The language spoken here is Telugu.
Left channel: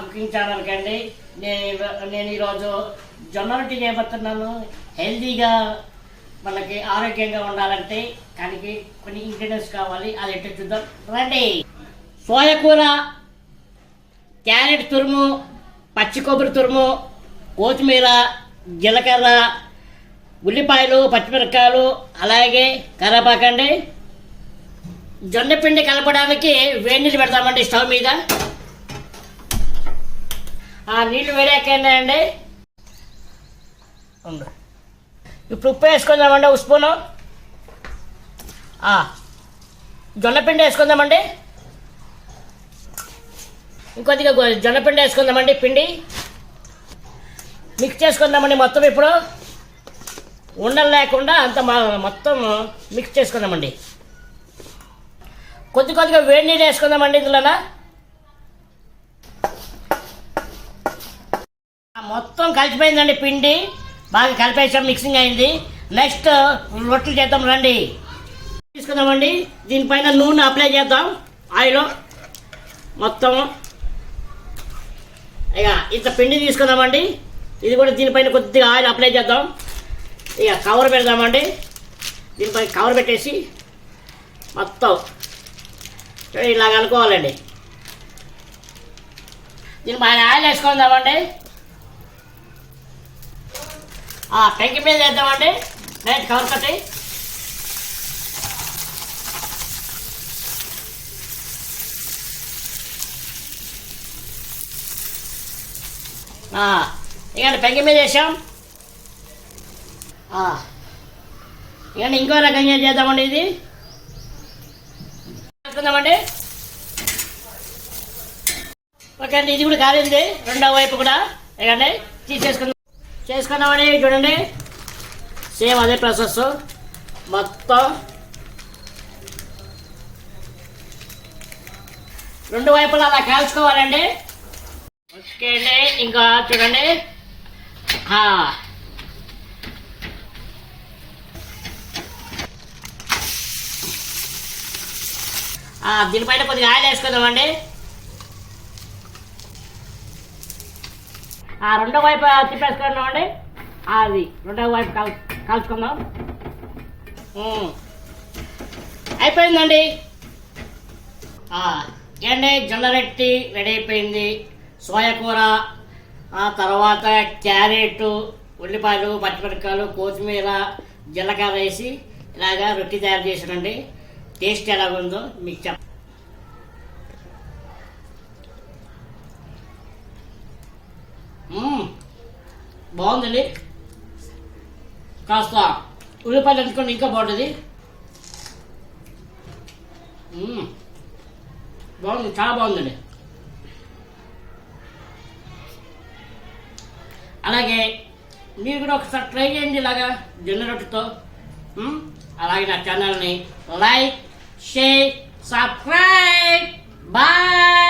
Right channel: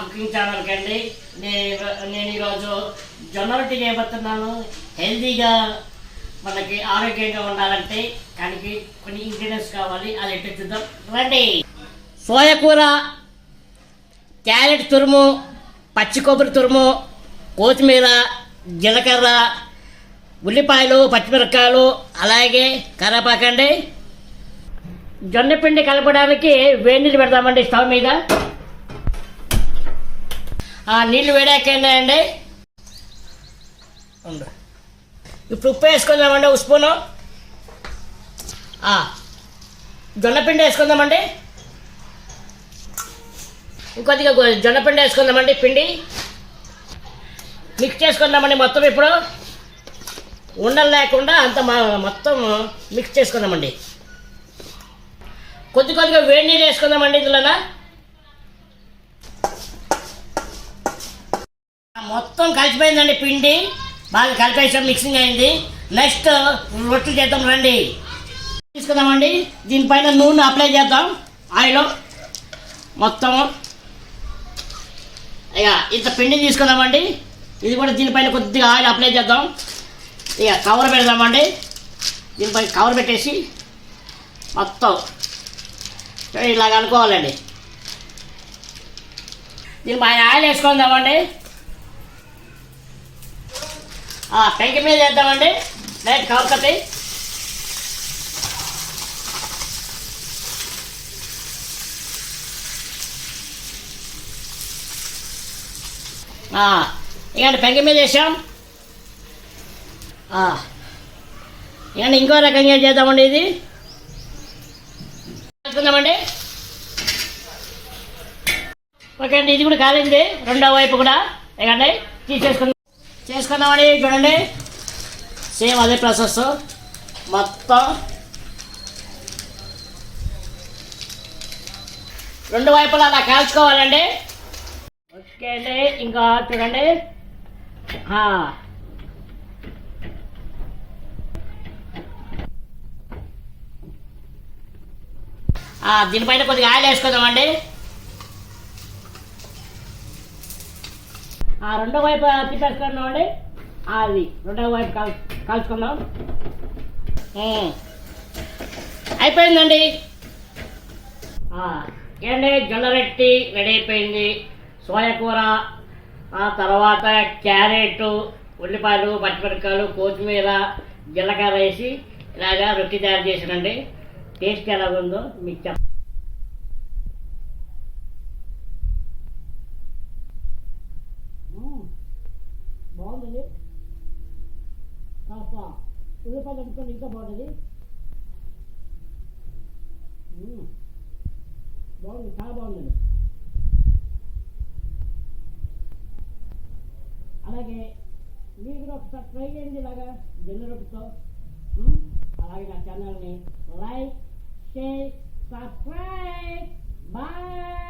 కుకింగ్ ఛానల్కి అండి. నేను ఈరోజు జొన్న రొట్టి చేయబోతున్నాను. హెల్తీగా మనకి ఆరోగ్యంగా ఉండాలంటే దానికి కొన్ని ఇంగ్రీడియంట్స్ కావాలి. అది ఎట్లా చూద్దాం రండి. సోయా కూర, క్యారెట్ తురుము, పచ్చి కొబ్బరి తురుము, కొత్తిమీర, జీలకర్ర, ఉల్లిపాయలు, పచ్చిమిరపకాయలు, అలాగే కరివేపాకండి. జొన్న పిండి కలపడానికి వేడి నీళ్ళు పెడతామండి స్టవ్ మీద. నీళ్ళు వేడాకండి. ఇప్పుడు ఉప్పు వేసుకుందామండి, ఒక స్పూను. జొన్నపిండి వేసుకుందామండి. ఇంకొద్దిగా జొన్నపిండి వేసుకుందామండి. పిండి మిక్స్ చేసుకుందామండి మొత్తం. ఇప్పుడు ఉండలు లేకుండా అంత మొత్తం మిక్స్ చేసుకుందామండి. కొద్దిగా వేడి నీళ్ళు వేసుకుందామండి. ఇందులో మొత్తం కలిసిపోయిందండి. పిండి బాగా కలిపేసాం, మిక్సింగ్ అయింది. నెక్స్ట్ రొట్టెలు చేద్దాం రండి. తీసుకుందామండి. దీనిపైన నూనె అప్లై చేద్దాం, ఆయిల్ మొత్తం. ఇక ఇంత పిండి తీసుకుందామండి. ఇది కూడా దీనిపైన కొద్దిగా ఆయిల్ అప్లై చేద్దాం. ఇక కవర్ పెడదామండి. దీనిపైన కవర్ పెట్టేసి మొత్తం ఇలాగ అనుకోవాలండి. దీనిపైన ఆయిల్ వేసుకుందామండి. పెంకి మీద వేద్దామండి. లైట్ కవర్ కట్టి ఇక పెంకి మీద వేసాం. ఇక ఇంకో రకంగా చేద్దామండి. ఇది వేసుకుందామండి. ఓకే అండి, ఇది కూడా కాలింది. రెండో వైపు కూడా ఇకండి చేసుకుందామండి. చూడండి, సేమ్ అదే ప్రాసెస్ మొత్తం. రెండు వైపులా అలా కాల్చుకోవాలండి. ఓకే అండి, ఇంకా చూడండి. దీనిపైన కొద్దిగా ఆయిల్ వేసుకుందామండి. రెండో వైపు తిప్పేసుకున్నామండి. అది రెండో వైపు కాల్చుకుందాం. అయిపోయిందండి. ఏండి, జొన్న రొట్టి రెడీ అయిపోయింది. సోయా కూర, తర్వాత క్యారెట్, ఉల్లిపాయలు, పచ్చిమిరపకాయలు, కొత్తిమీర, జీలకర్ర వేసి ఇలాగా రొట్టి తయారు చేసానండి. టేస్ట్ ఎలాగుందో మీకు బాగుందండి. కాస్త ఉల్లిపాయలు ఎంచుకోండి, ఇంకా బాగుంటుంది. బాగుంది, చాలా బాగుందండి. అలాగే మీరు కూడా ఒకసారి ట్రై చేయండి ఇలాగా జొన్న రొట్టెతో. అలాగే నా ఛానల్ని లైక్, షేర్, సబ్స్క్రైబ్. బాయ్.